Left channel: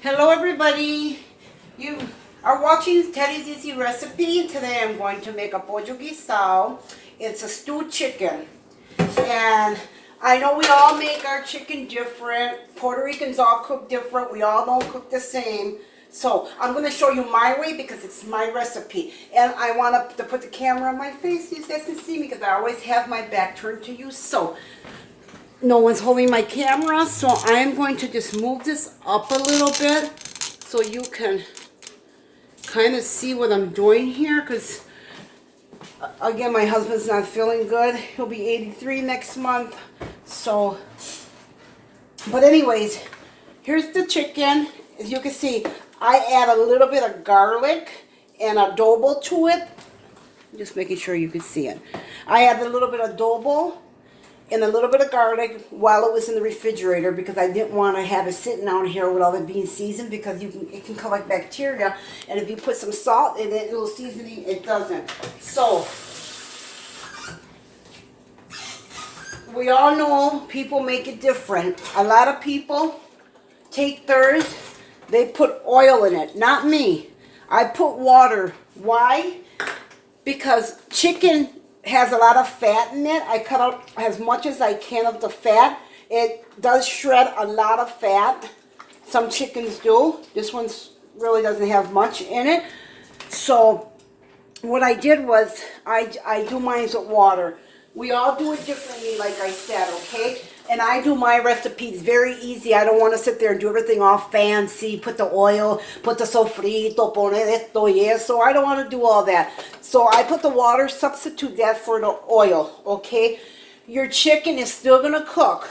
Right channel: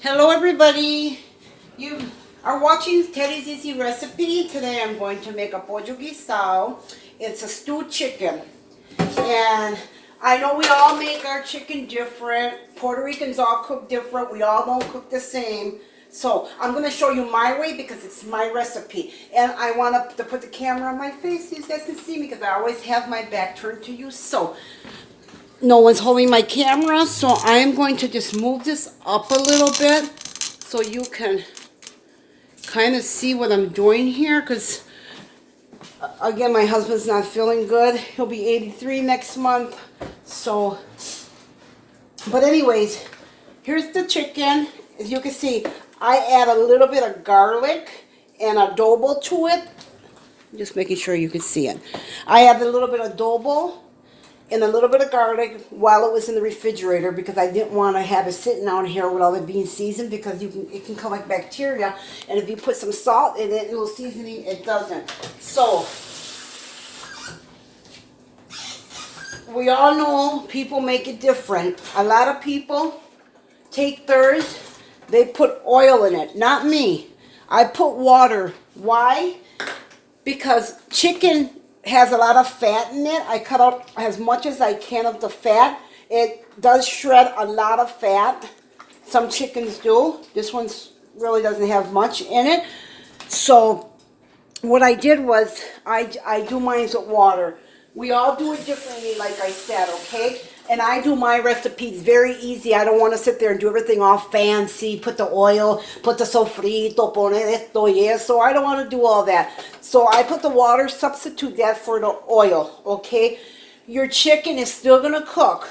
Hello everybody, you are watching Teddy's Easy Recipe. Today I'm going to make a Pollo Guisado. It's a stewed chicken. And I know we all make our chicken different. Puerto Ricans all cook different. We all don't cook the same. So I'm going to show you my way because it's my recipe. And I want to put the camera on my face so you guys can see me because I always have my back turned to you. So no one's holding my camera, so I am going to just move this up a little bit so you can kind of see what I'm doing here, because again, my husband's not feeling good. He'll be 83 next month. So, but anyways, here's the chicken. As you can see, I add a little bit of garlic and adobo to it. Just making sure you can see it. I add a little bit of adobo and a little bit of garlic while it was in the refrigerator because I didn't want to have it sitting out here with all the being seasoned because it can collect bacteria, and if you put some salt in it, a little seasoning, it doesn't. So we all know people make it different. A lot of people take theirs, they put oil in it. Not me. I put water. Why? Because chicken has a lot of fat in it. I cut out as much as I can of the fat. It does shred a lot of fat. Some chickens do. This one really doesn't have much in it. So what I did was I do mine with water. We all do it differently, like I said, okay? And I do my recipes very easy. I don't want to sit there and do everything all fancy, put the oil, put the sofrito, poner esto y eso. I don't want to do all that. So I put the water, substitute that for the oil, okay? Your chicken is still going to cook.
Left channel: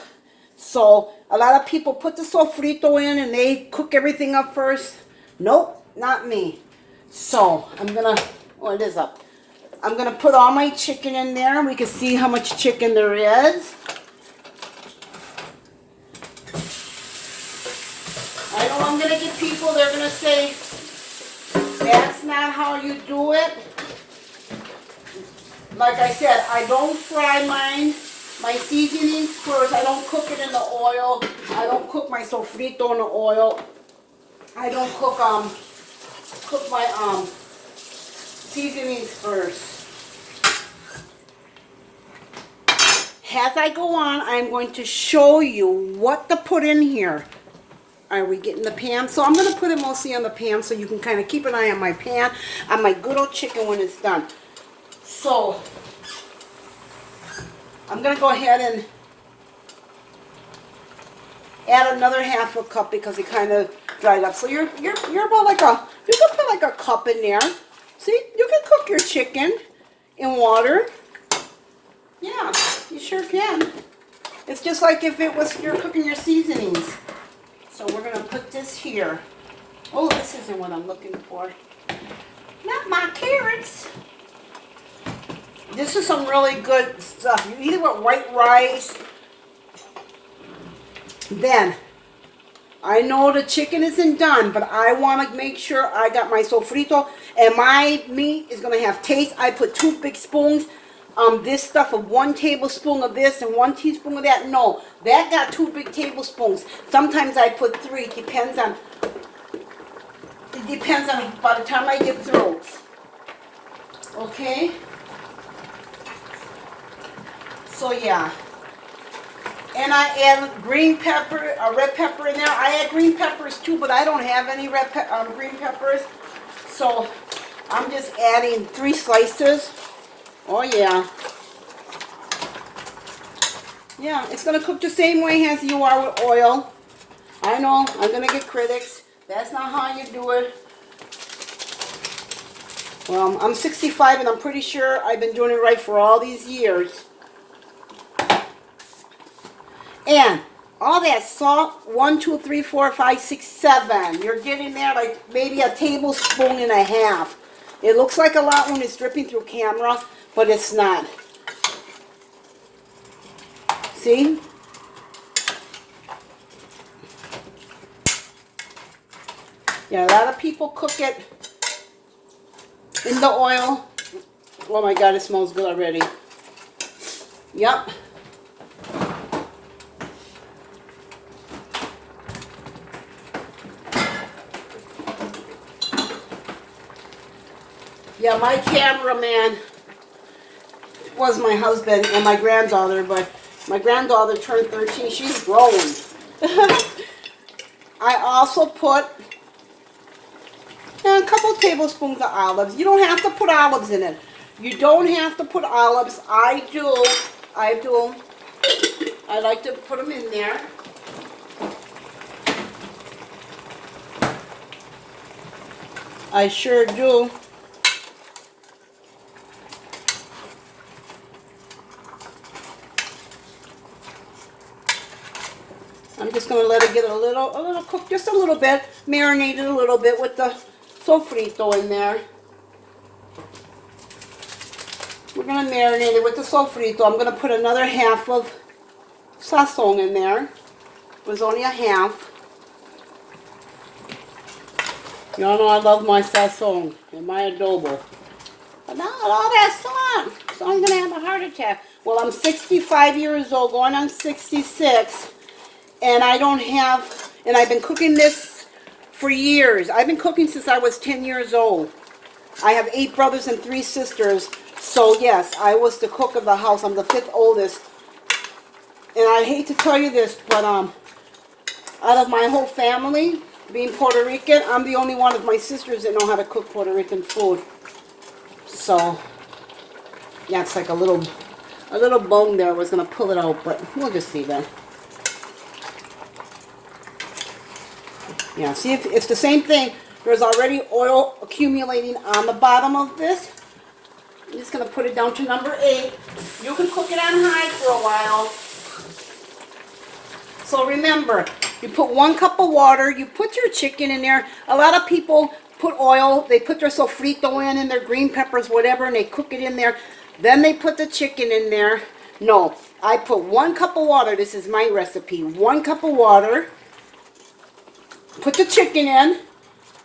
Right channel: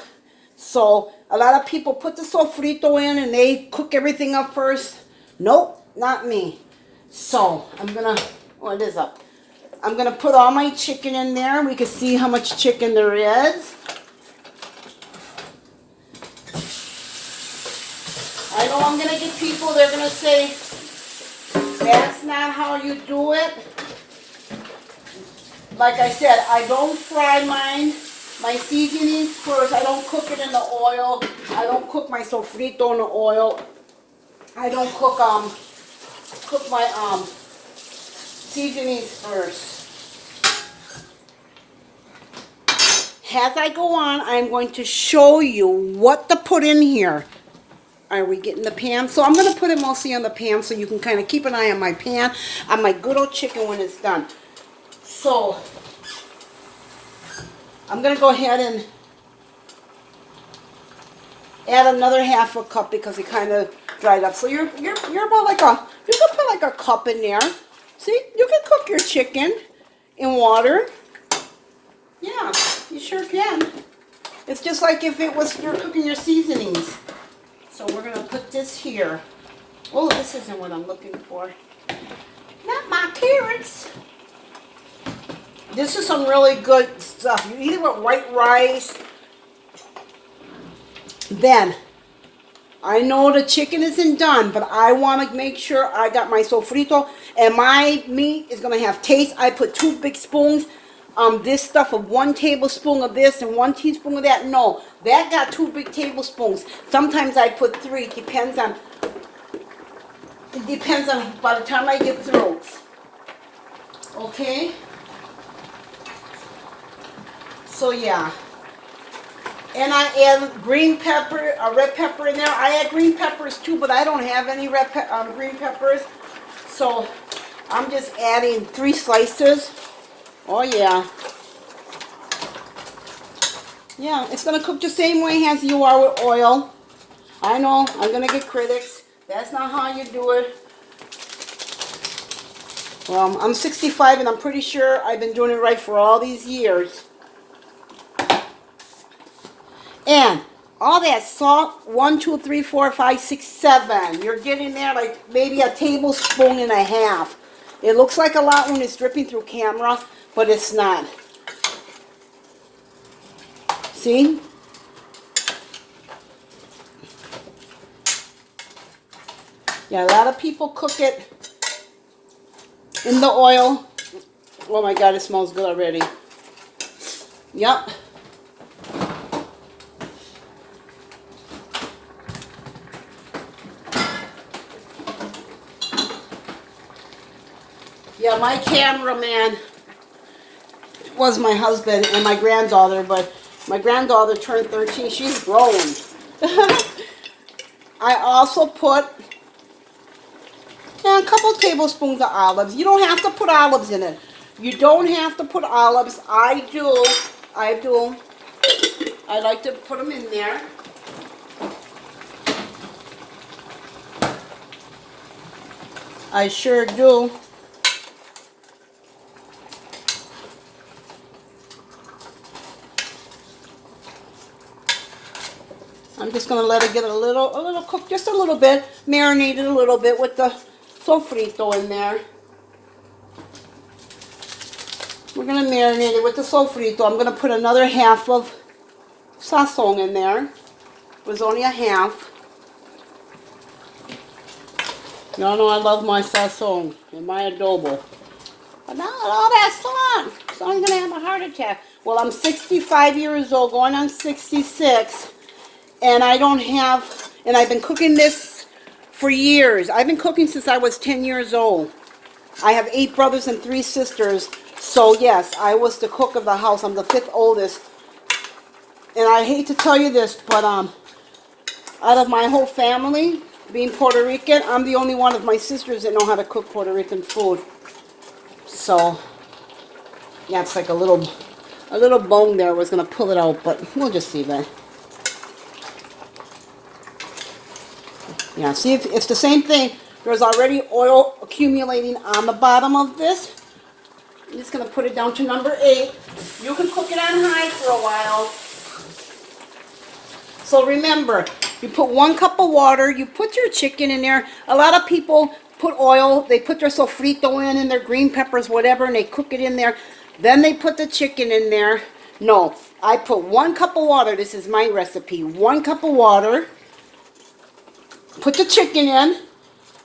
So a lot of people put the sofrito in and they cook everything up first. Nope, not me. So I'm going to, oh, it is up. I'm going to put all my chicken in there. We can see how much chicken there is. I know I'm going to get people, they're going to say, that's not how you do it. Like I said, I don't fry mine. My seasonings first. I don't cook it in the oil. I don't cook my sofrito in the oil. I don't cook my seasonings first. As I go on, I'm going to show you what to put in here. Are we getting the pan? So I'm going to put it mostly on the pan so you can kind of keep an eye on my pan, on my good old chicken when it's done. So I'm going to go ahead and add another half a cup because it kind of dried up. So you're about like you can put like a cup in there. See, you can cook your chicken in water. Yeah, you sure can. It's just like if it was you're cooking your seasonings. So we're going to put this here. Oh, this isn't what I'm looking for. Not my carrots. This is some really good stuff. You eat it with white rice. Then, I know the chicken isn't done, but I want to make sure I got my sofrito. And my meat is going to have taste. I put 2 big spoons. This stuff of 1 tablespoon of this and 1 teaspoon of that. No, that got 2 big tablespoons. Sometimes I put 3. It depends on by the time I get through. Okay. So yeah. And I add green pepper, red pepper in there. I add green peppers too, but I don't have any green peppers. So I'm just adding 3 slices. Oh yeah. Yeah, it's going to cook the same way as you are with oil. I know, I'm going to get critics. That's not how you do it. I'm 65 and I'm pretty sure I've been doing it right for all these years. And all that salt, 1, 2, 3, 4, 5, 6, 7. You're getting there like maybe a tablespoon and a half. It looks like a lot when it's dripping through camera, but it's not. See? Yeah, a lot of people cook it in the oil. Oh my God, it smells good already. Yep. Yeah, my cameraman was my husband and my granddaughter, but my granddaughter turned 13. She's grown. I also put a couple tablespoons of olives. You don't have to put olives in it. You don't have to put olives. I do. I like to put them in there. I sure do. I'm just going to let it get a little cooked, just a little bit, marinated a little bit with the sofrito in there. We're going to marinate it with the sofrito. I'm going to put another half of sazon in there. It was only a half. Y'all know I love my sazon and my adobo. But now all that salt, so I'm going to have a heart attack. Well, I'm 65 years old, going on 66. And I don't have, and I've been cooking this for years. I've been cooking since I was 10 years old. I have 8 brothers and 3 sisters. So yes, I was the cook of the house. I'm the 5th oldest. And I hate to tell you this, but out of my whole family, being Puerto Rican, I'm the only one of my sisters that know how to cook Puerto Rican food. So, yeah, it's like a little bone there. I was going to pull it out, but we'll just see that. Yeah, see, if it's the same thing. There's already oil accumulating on the bottom of this. I'm just going to put it down to number 8. You can cook it on high for a while. So remember, you put 1 cup of water. You put your chicken in there. A lot of people put oil. They put their sofrito in and their green peppers, whatever, and they cook it in there. Then they put the chicken in there. No, I put 1 cup of water. This is my recipe. 1 cup of water. Put the chicken in,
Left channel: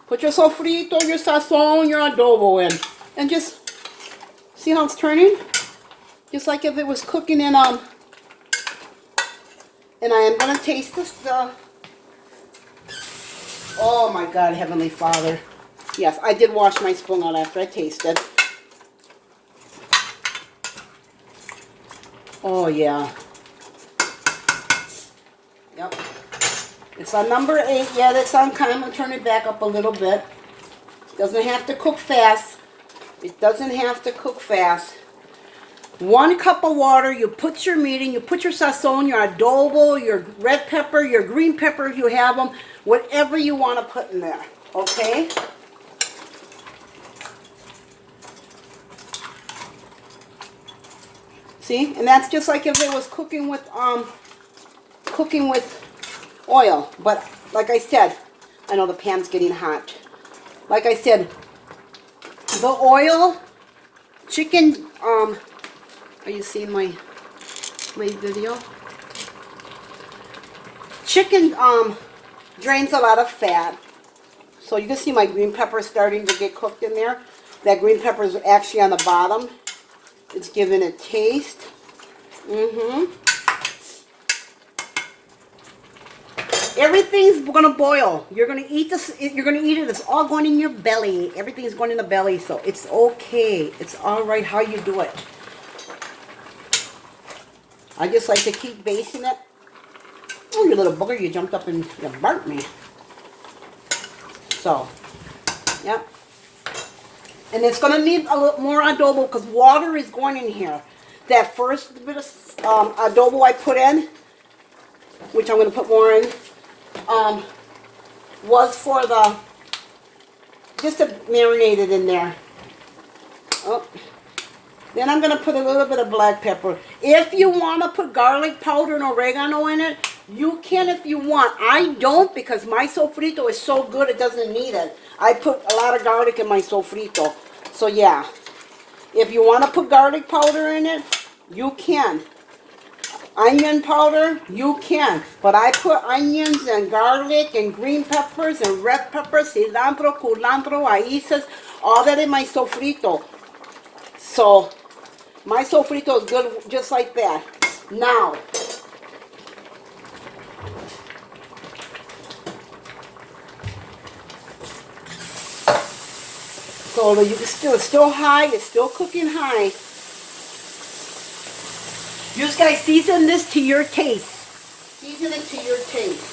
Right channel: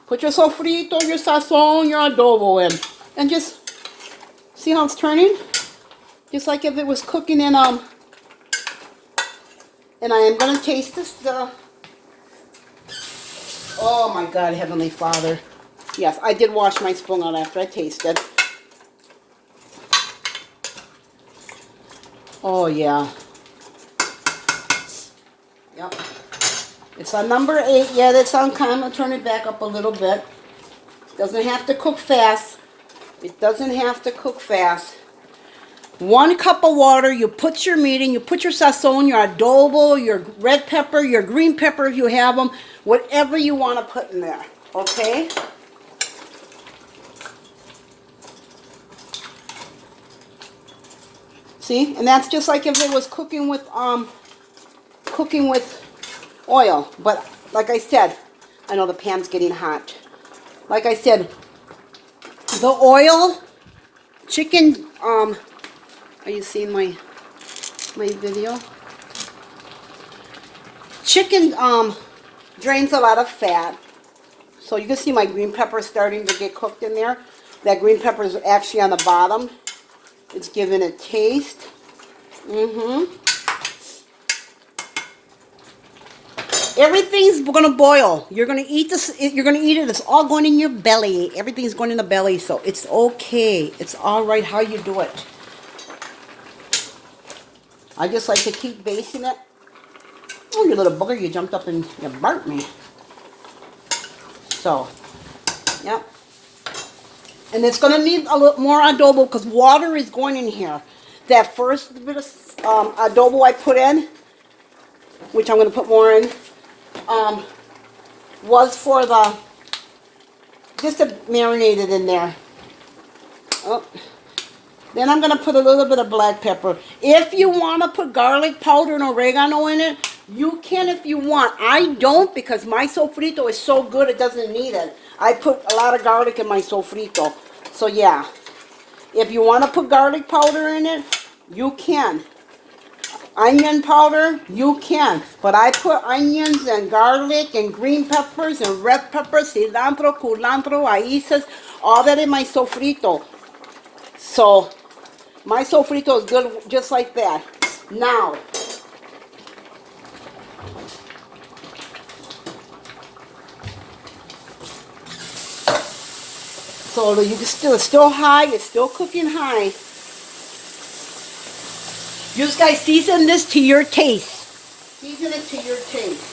put your sofrito, your sazon, your adobo in, and just see how it's turning? Just like if it was cooking in, and I am going to taste this, oh my God, Heavenly Father. Yes, I did wash my spoon out after I tasted. Oh yeah. Yep. It's on number 8 yet. It's on. I'm going to turn it back up a little bit. Doesn't have to cook fast. It doesn't have to cook fast. 1 cup of water. You put your meat in. You put your sazon, your adobo, your red pepper, your green pepper if you have them. Whatever you want to put in there. Okay? See? And that's just like if it was cooking with oil. But like I said, I know the pan's getting hot. Like I said, the oil, chicken, are you seeing my video? Chicken drains a lot of fat. So you can see my green pepper starting to get cooked in there. That green pepper is actually on the bottom. It's giving it taste. Everything's gonna boil. You're gonna eat this. You're gonna eat it. It's all going in your belly. Everything's going in the belly, so it's okay. It's all right how you do it. I just like to keep basting it. Oh, you little bugger! You jumped up and you burnt me. So, yeah. And it's gonna need a little more adobo because water is going in here. That first bit of adobo I put in, which I'm gonna put more in. Was for the, just to marinate it in there. Oh. Then I'm going to put a little bit of black pepper. If you want to put garlic powder and oregano in it, you can if you want. I don't because my sofrito is so good it doesn't need it. I put a lot of garlic in my sofrito. So yeah, if you want to put garlic powder in it, you can. Onion powder, you can. But I put onions and garlic and green peppers and red peppers, cilantro, culantro, raíces, all that in my sofrito. So, my sofrito is good just like that. Now, So you can still high, it's still cooking high. You guys season this to your taste. Season it to your taste.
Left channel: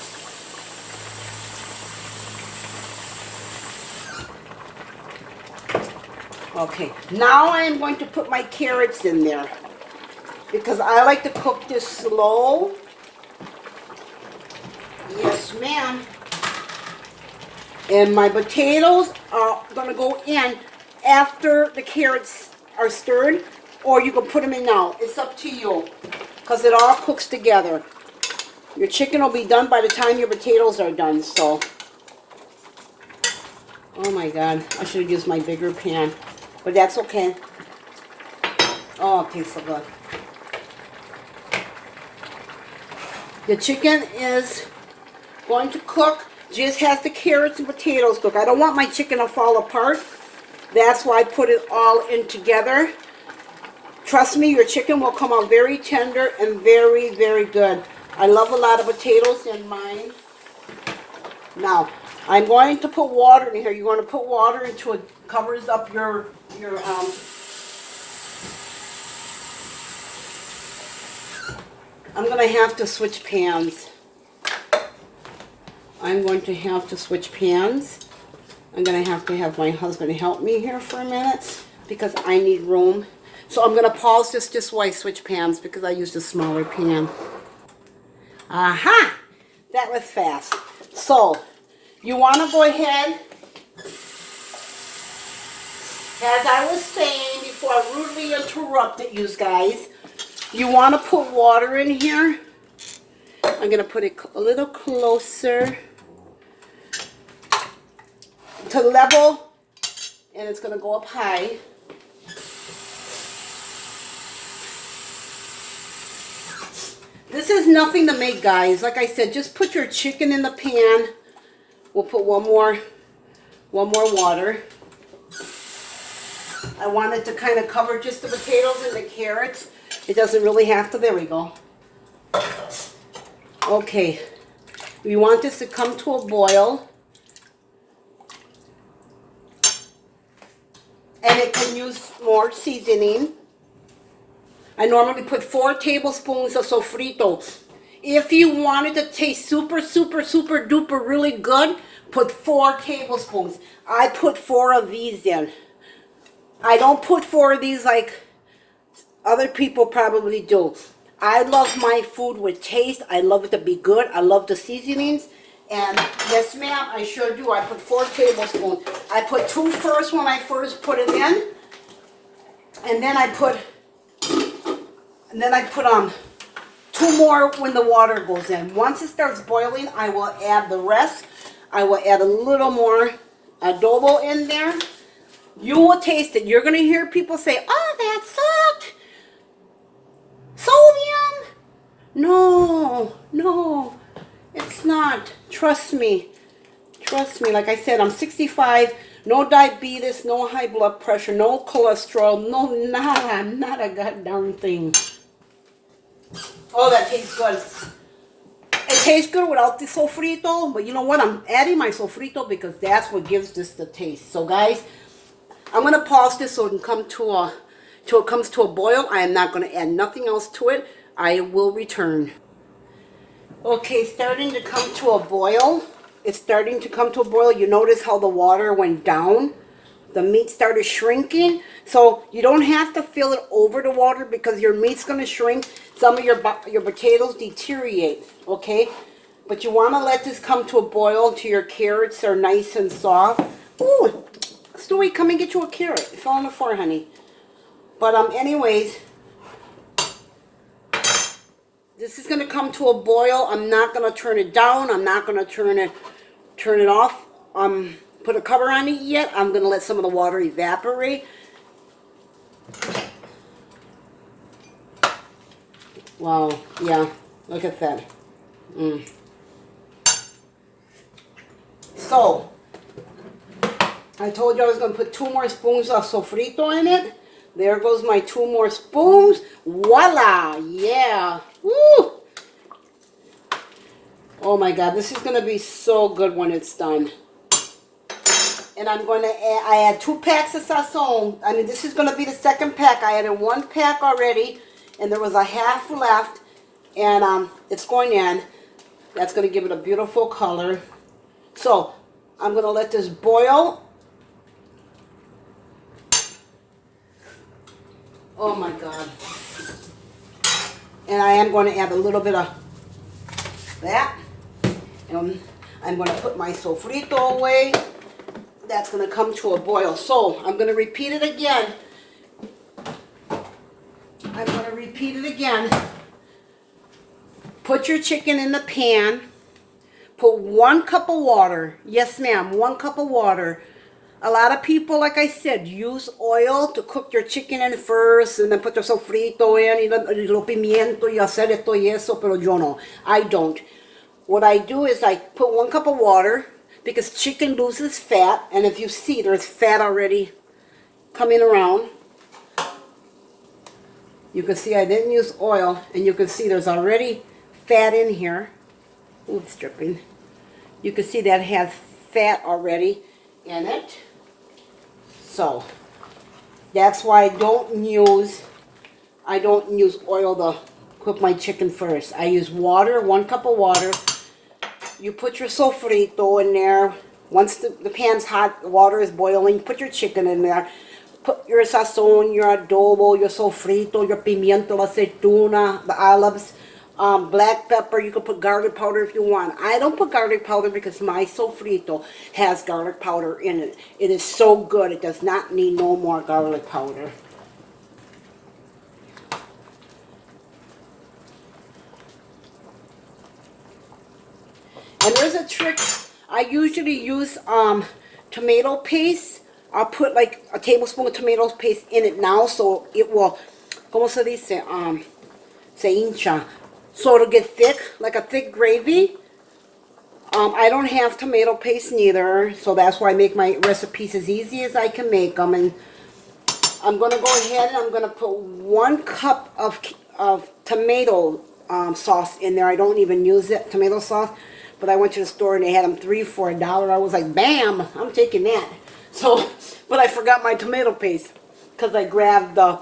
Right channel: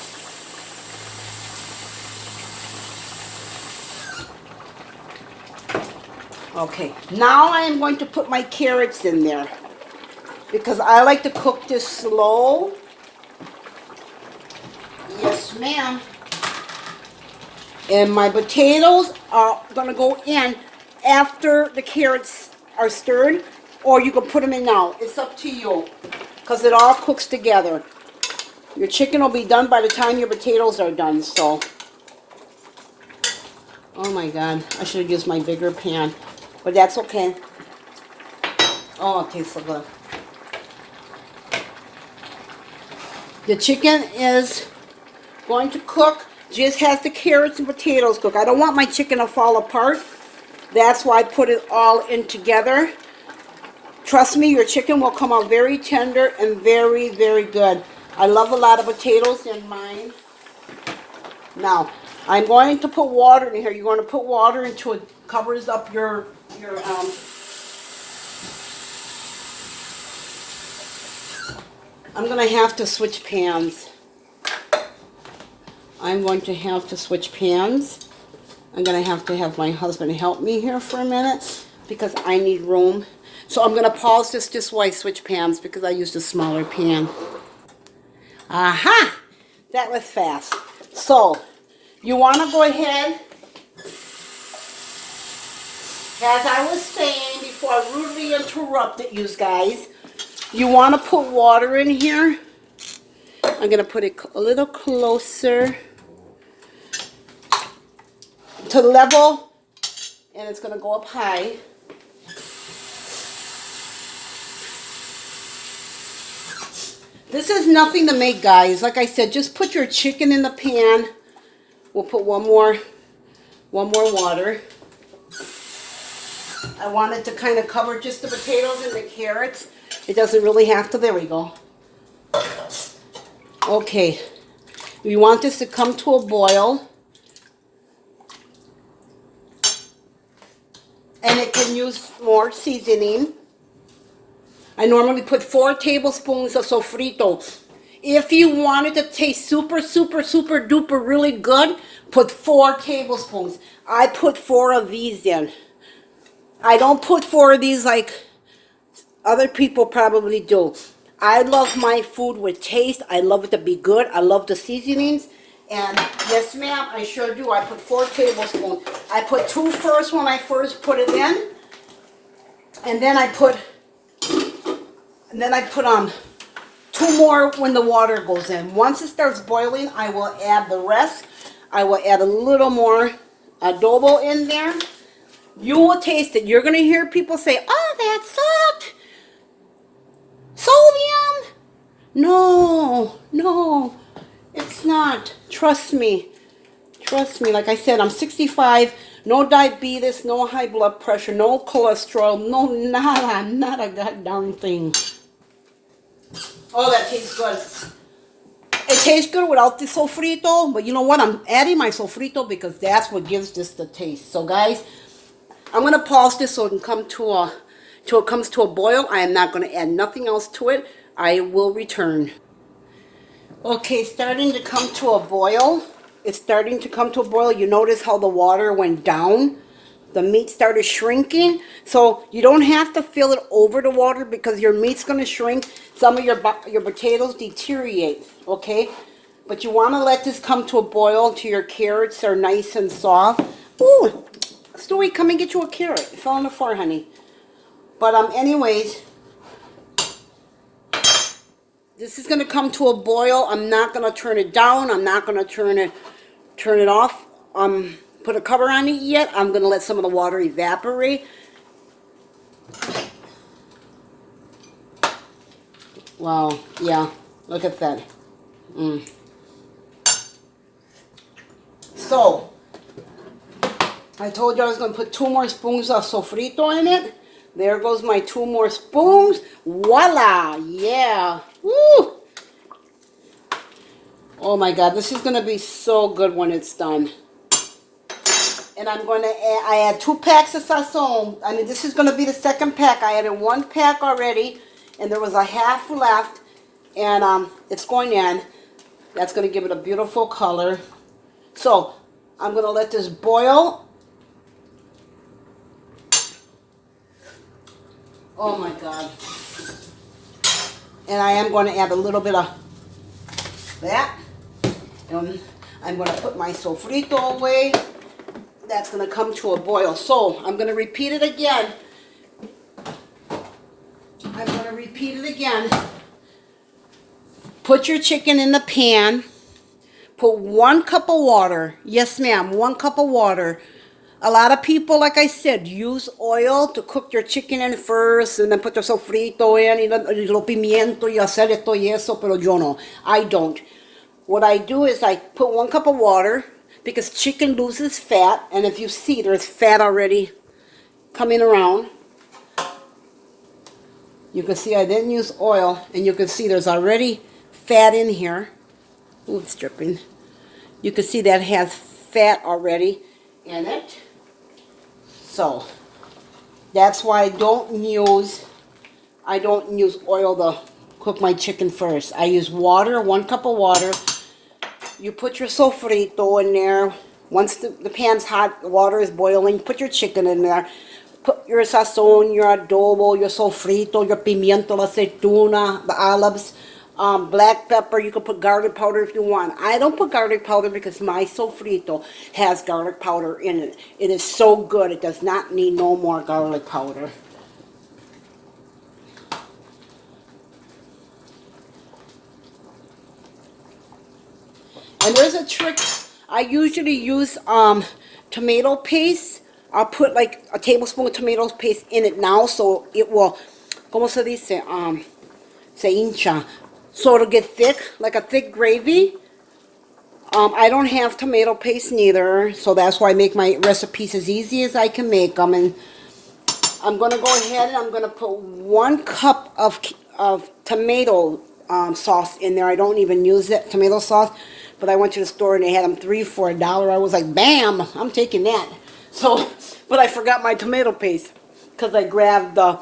Okay, now I am going to put my carrots in there because I like to cook this slow. Yes, ma'am. And my potatoes are gonna go in after the carrots are stirred, or you can put them in now. It's up to you, because it all cooks together. Your chicken will be done by the time your potatoes are done, so. Oh my God, I should have used my bigger pan, but that's okay. Oh, it tastes so good. The chicken is going to cook. Just has the carrots and potatoes cook. I don't want my chicken to fall apart. That's why I put it all in together. Trust me, your chicken will come out very tender and very, very good. I love a lot of potatoes in mine. Now, I'm going to put water in here. You're going to put water until it covers up your I'm going to have to switch pans. I'm going to have to switch pans. I'm going to have my husband help me here for a minute because I need room. So I'm going to pause this just while I switch pans because I used a smaller pan. Aha! That was fast. So, you want to go ahead, as I was saying before I rudely interrupted you guys, you want to put water in here. I'm going to put it a little closer to level, and it's going to go up high. This is nothing to make, guys. Like I said, just put your chicken in the pan. We'll put one more water. I want it to kind of cover just the potatoes and the carrots. It doesn't really have to. There we go. Okay. We want this to come to a boil. And it can use more seasoning. I normally put 4 tablespoons of sofrito. If you want it to taste super, super, super duper really good, put 4 tablespoons. I put 4 of these in. I don't put 4 of these like other people probably do. I love my food with taste. I love it to be good. I love the seasonings. And yes, ma'am, I sure do. I put 4 tablespoons. I put 2 first when I first put it in. And then I put 2 more when the water goes in. Once it starts boiling, I will add the rest. I will add a little more adobo in there. You will taste it. You're going to hear people say, oh, that's salt. Sodium. No, it's not. Trust me. Trust me. Like I said, I'm 65. No diabetes, no high blood pressure, no cholesterol, no nada, not a goddamn thing. Oh, that tastes good. It tastes good without the sofrito, but you know what? I'm adding my sofrito because that's what gives this the taste. So, guys, I'm gonna pause this so it can come to a till it comes to a boil. I am not gonna add nothing else to it. I will return. Okay, starting to come to a boil. It's starting to come to a boil. You notice how the water went down. The meat started shrinking. So you don't have to fill it over the water because your meat's going to shrink. Some of your potatoes deteriorate, okay? But you want to let this come to a boil until your carrots are nice and soft. Ooh, Stewie, come and get you a carrot. It fell on the floor, honey. But anyways, this is going to come to a boil. I'm not going to turn it down. I'm not going to turn it off. Put a cover on it yet. I'm going to let some of the water evaporate. Wow. Yeah. Look at that. So, I told you I was going to put 2 more spoons of sofrito in it. There goes my 2 more spoons. Voila! Yeah. Woo! Oh my God, this is going to be so good when it's done. And I'm going to add, I add 2 packs of SAZON. I mean, this is going to be the second pack. I added 1 pack already, and there was a half left. And it's going in. That's going to give it a beautiful color. So, I'm going to let this boil. Oh my God. And I am going to add a little bit of that. And I'm going to put my sofrito away. That's going to come to a boil. So, I'm going to repeat it again. I'm going to repeat it again. Put your chicken in the pan. Put 1 cup of water. Yes, ma'am, 1 cup of water. A lot of people, like I said, use oil to cook your chicken in first and then put your sofrito in, y lo pimiento y hacer esto y eso, pero yo no. I don't. What I do is I put 1 cup of water because chicken loses fat, and if you see, there's fat already coming around. You can see I didn't use oil, and you can see there's already fat in here. Ooh, it's dripping. You can see that has fat already in it. So that's why I don't use oil to cook my chicken first. I use water, 1 cup of water. You put your sofrito in there. Once the pan's hot, the water is boiling, put your chicken in there. Put your sazon, your adobo, your sofrito, your pimiento, la aceituna, the olives, black pepper. You can put garlic powder if you want. I don't put garlic powder because my sofrito has garlic powder in it. It is so good. It does not need no more garlic powder. And there's a trick. I usually use tomato paste. I'll put like a tablespoon of tomato paste in it now, so it will, ¿cómo se dice? Se hincha. So it'll get thick, like a thick gravy. I don't have tomato paste neither, so that's why I make my recipes as easy as I can make them. And I'm going to go ahead and I'm going to put 1 cup of tomato sauce in there. I don't even use it, tomato sauce. But I went to the store and they had them 3 for $1. I was like, bam, I'm taking that. So, but I forgot my tomato paste because I grabbed the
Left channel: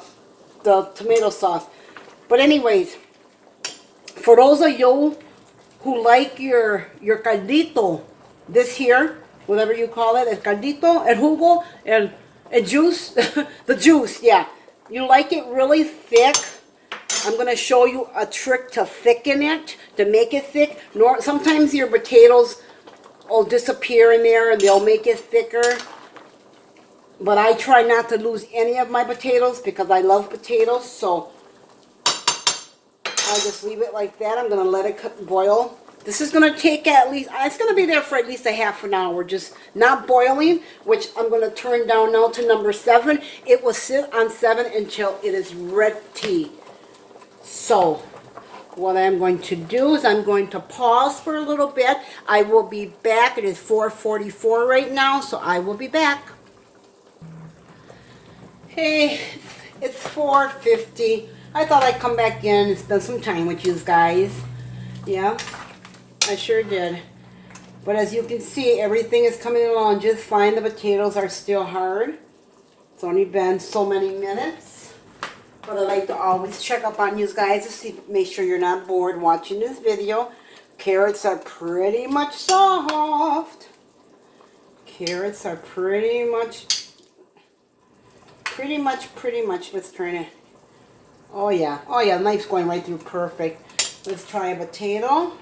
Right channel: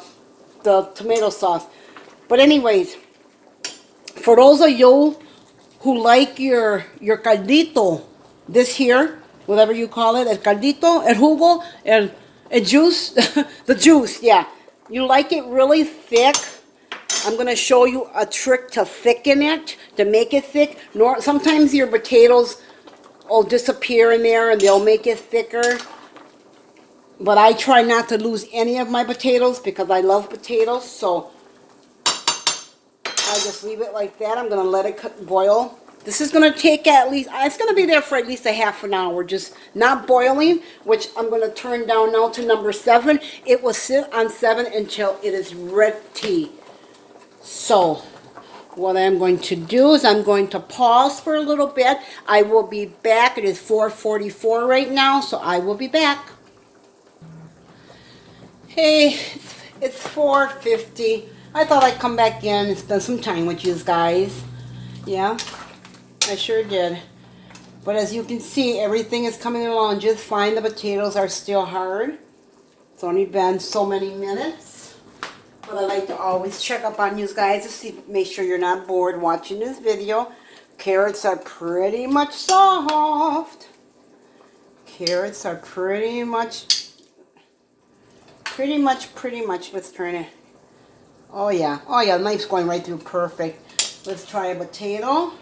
tomato sauce. But anyways, for those of you who like your caldito, this here, whatever you call it, el caldito, el jugo, el juice, the juice, yeah. You like it really thick. I'm going to show you a trick to thicken it, to make it thick. Sometimes your potatoes will disappear in there and they'll make it thicker. But I try not to lose any of my potatoes because I love potatoes. So I just leave it like that. I'm going to let it boil. This is going to take at least, it's going to be there for at least a half an hour. Just not boiling, which I'm going to turn down now to number 7. It will sit on 7 until it is ready. So, what I'm going to do is I'm going to pause for a little bit. I will be back. It is 4:44 right now, so I will be back. Hey, it's 4:50. I thought I'd come back in and spend some time with you guys. Yeah, I sure did. But as you can see, everything is coming along just fine. The potatoes are still hard. It's only been so many minutes. But I like to always check up on you guys to see, make sure you're not bored watching this video. Carrots are pretty much soft. Carrots are pretty much, let's turn it. Oh yeah, the knife's going right through perfect. Let's try a potato.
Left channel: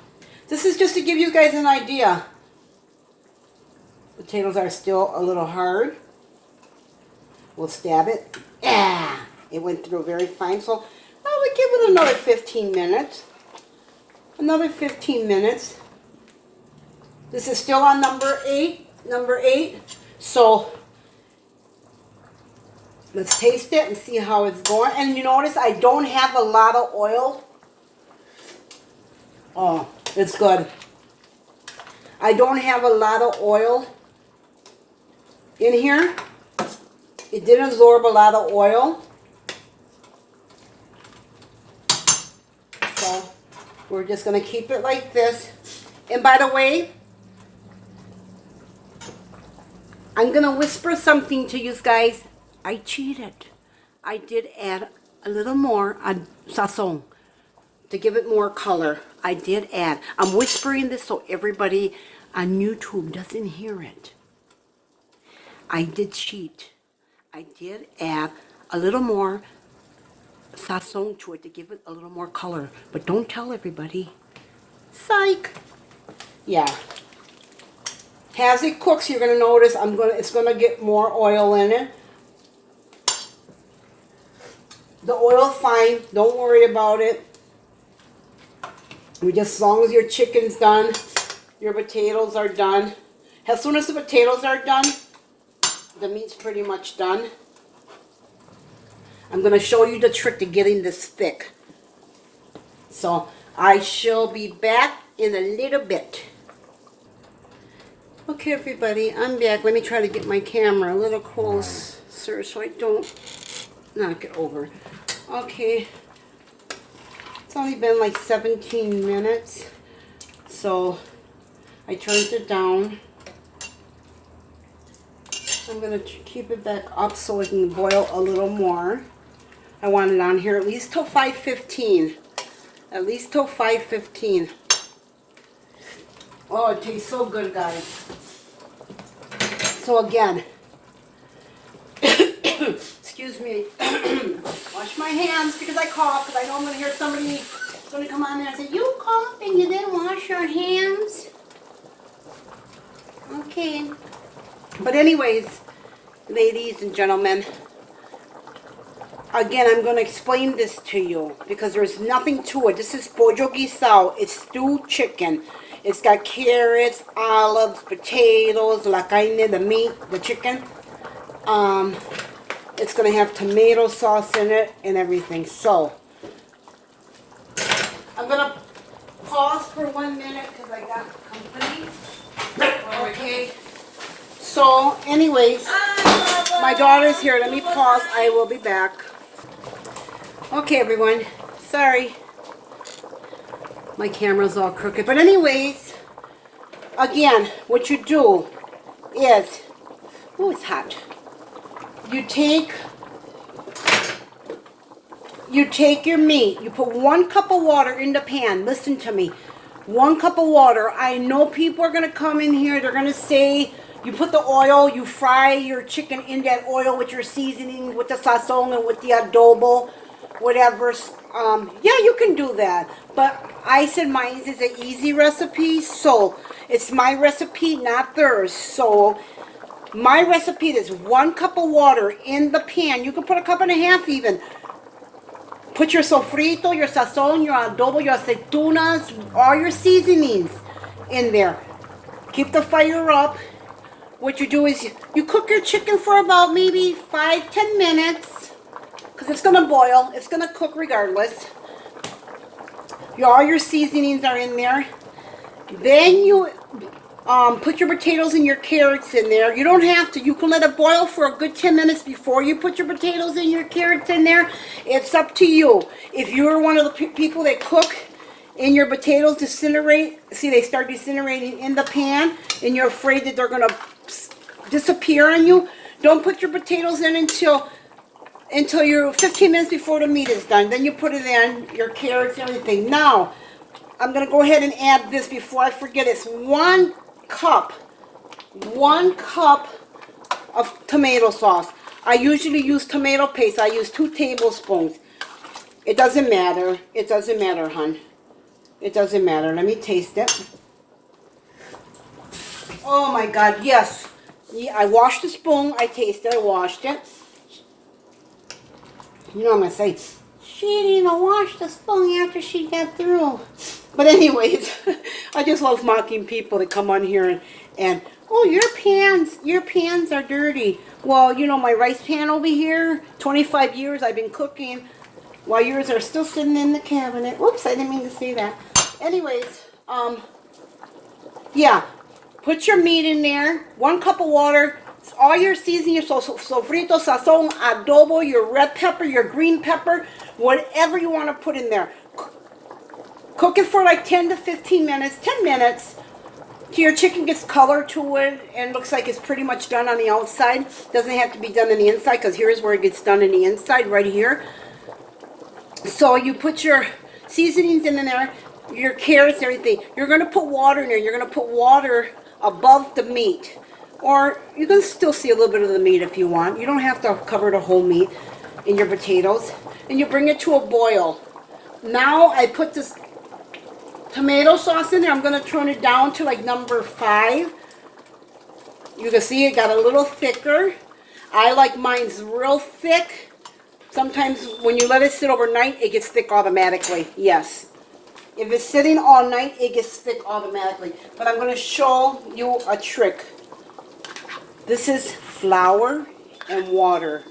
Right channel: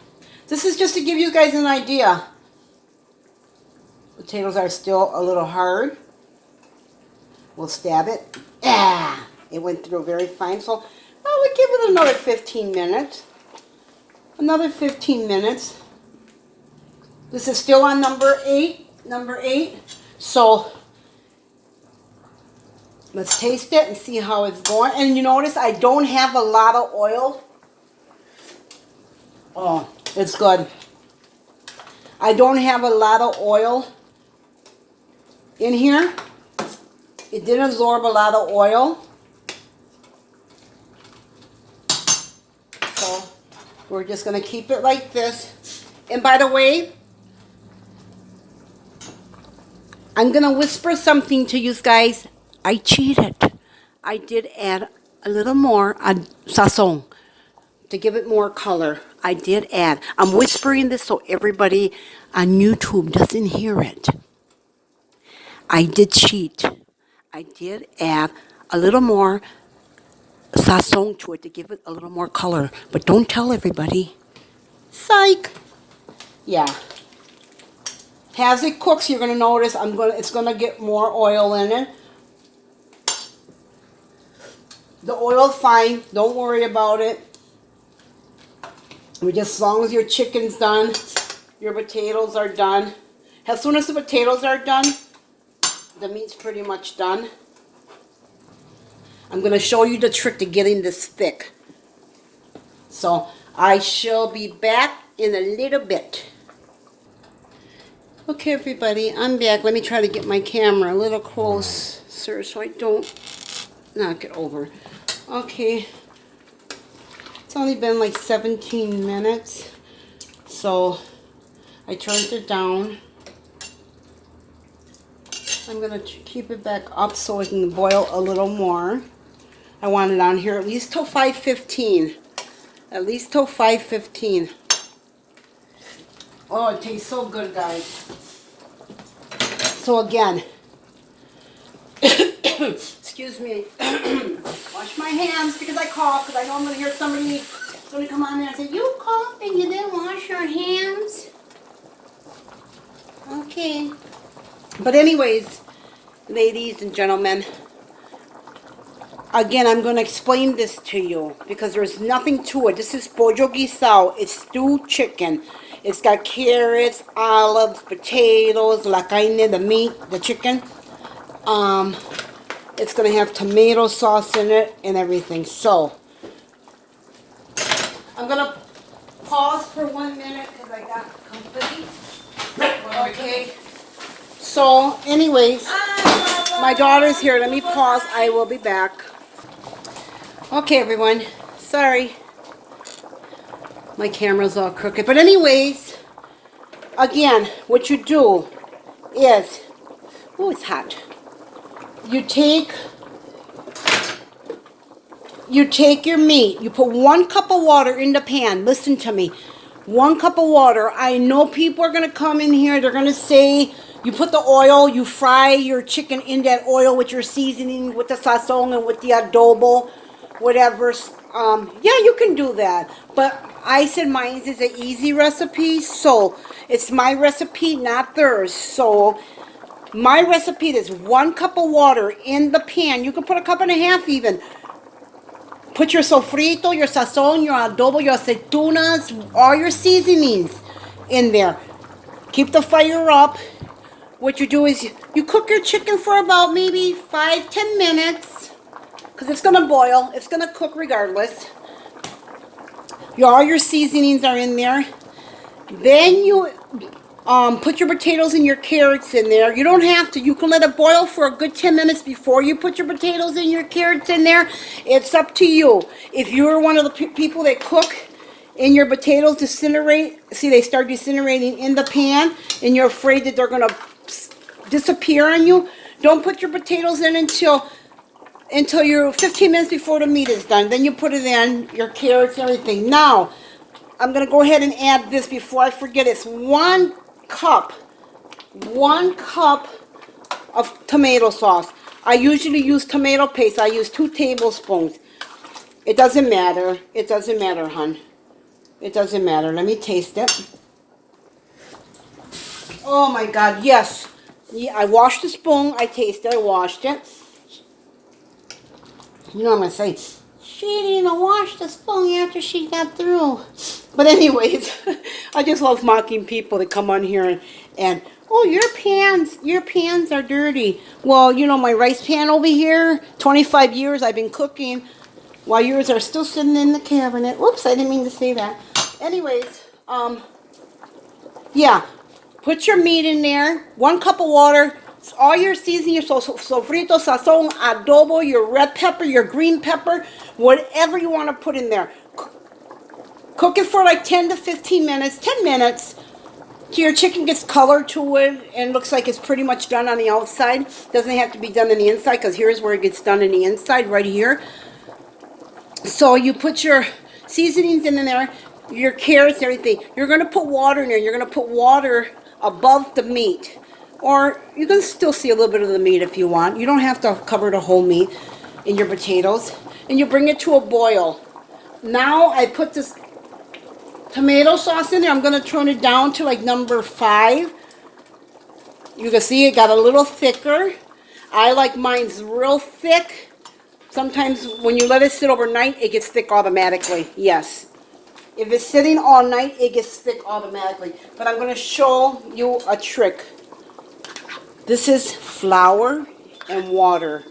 This is just to give you guys an idea. Potatoes are still a little hard. We'll stab it. Yeah. It went through very fine, so I would give it another 15 minutes. Another 15 minutes. This is still on number 8. So let's taste it and see how it's going. And you notice I don't have a lot of oil. Oh, it's good. I don't have a lot of oil in here. It didn't absorb a lot of oil. So we're just going to keep it like this. And by the way, I'm going to whisper something to you guys. I cheated. I did add a little more sazon to give it more color. I did add. I'm whispering this so everybody on YouTube doesn't hear it. I did cheat. I did add a little more sazon to it to give it a little more color. But don't tell everybody. Psych. Yeah. As it cooks, you're gonna notice it's gonna get more oil in it. The oil's fine. Don't worry about it. Just as long as your chicken's done, your potatoes are done. As soon as the potatoes are done, the meat's pretty much done. I'm gonna show you the trick to getting this thick. So I shall be back in a little bit. Okay, everybody, I'm back. Let me try to get my camera a little closer so I don't knock it over. Okay, it's only been like 17 minutes, so I turned it down. I'm going to keep it back up so it can boil a little more. I want it on here at least till 5:15. At least till 5:15. Oh, it tastes so good, guys. So again, excuse me, wash my hands because I cough, because I know I'm going to hear somebody come on there and say, you coughed and you didn't wash your hands? Okay. But anyways, ladies and gentlemen, again, I'm going to explain this to you because there's nothing to it. This is Pollo Guisado. It's stewed chicken. It's got carrots, olives, potatoes, la carne, the meat, the chicken. It's going to have tomato sauce in it and everything. So, I'm going to pause for 1 minute because I got complete. Okay. So, anyways, my daughter's here. Let me pause. I will be back. Okay, everyone. Sorry. My camera's all crooked. But anyways, again, what you do is, oh, it's hot. You take your meat. You put 1 cup of water in the pan. Listen to me. 1 cup of water. I know people are going to come in here. They're going to say, you put the oil, you fry your chicken in that oil with your seasoning, with the sazon and with the adobo, whatever. Yeah, you can do that. But I said mine is an easy recipe, so it's my recipe, not theirs. So my recipe is 1 cup of water in the pan. You can put 1.5 cups even. Put your sofrito, your sazon, your adobo, your aceitunas, all your seasonings in there. Keep the fire up. What you do is you cook your chicken for about maybe 5-10 minutes because it's going to boil. It's going to cook regardless. All your seasonings are in there. Then you put your potatoes and your carrots in there. You don't have to. You can let it boil for a good 10 minutes before you put your potatoes and your carrots in there. It's up to you. If you're one of the people that cook and your potatoes disintegrate, see, they start disintegrating in the pan, and you're afraid that they're going to disappear on you, don't put your potatoes in until you're 15 minutes before the meat is done. Then you put it in, your carrots, everything. Now, I'm going to go ahead and add this before I forget. It's 1 cup of tomato sauce. I usually use tomato paste. I use 2 tablespoons. It doesn't matter. It doesn't matter, hon. It doesn't matter. Let me taste it. Oh my God, yes. Yeah, I washed the spoon. I tasted it. I washed it. You know what I'm going to say? She didn't wash the spoon after she got through. But anyways, I just love mocking people that come on here and oh, your pans are dirty. Well, you know, my rice pan over here, 25 years I've been cooking, while yours are still sitting in the cabinet. Whoops, I didn't mean to say that. Anyways, yeah, put your meat in there, 1 cup of water, all your seasoning, your sofrito, sazon, adobo, your red pepper, your green pepper, whatever you want to put in there. Cook it for like 10 to 15 minutes, 10 minutes, So your chicken gets color to it and looks like it's pretty much done on the outside. Doesn't have to be done on the inside, because here's where it gets done in the inside, right here. So you put your seasonings in there, your carrots, everything. You're going to put water in there. You're going to put water above the meat. Or you can still see a little bit of the meat if you want. You don't have to cover the whole meat in your potatoes. And you bring it to a boil. Now I put this tomato sauce in there. I'm going to turn it down to like number 5. You can see it got a little thicker. I like mine's real thick. Sometimes when you let it sit overnight, it gets thick automatically. Yes. If it's sitting all night, it gets thick automatically. But I'm going to show you a trick. This is flour and water.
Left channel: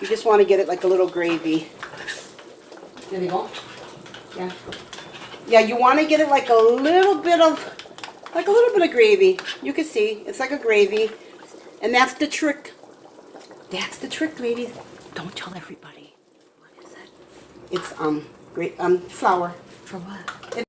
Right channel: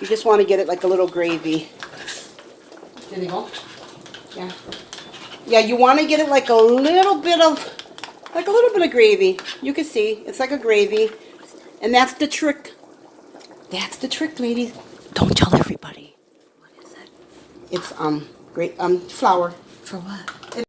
You just want to get it like a little gravy. There you go. Yeah. Yeah, you want to get it like a little bit of gravy. You can see, it's like a gravy. And that's the trick. That's the trick, ladies. Don't tell everybody. What is it? It's, flour. For what?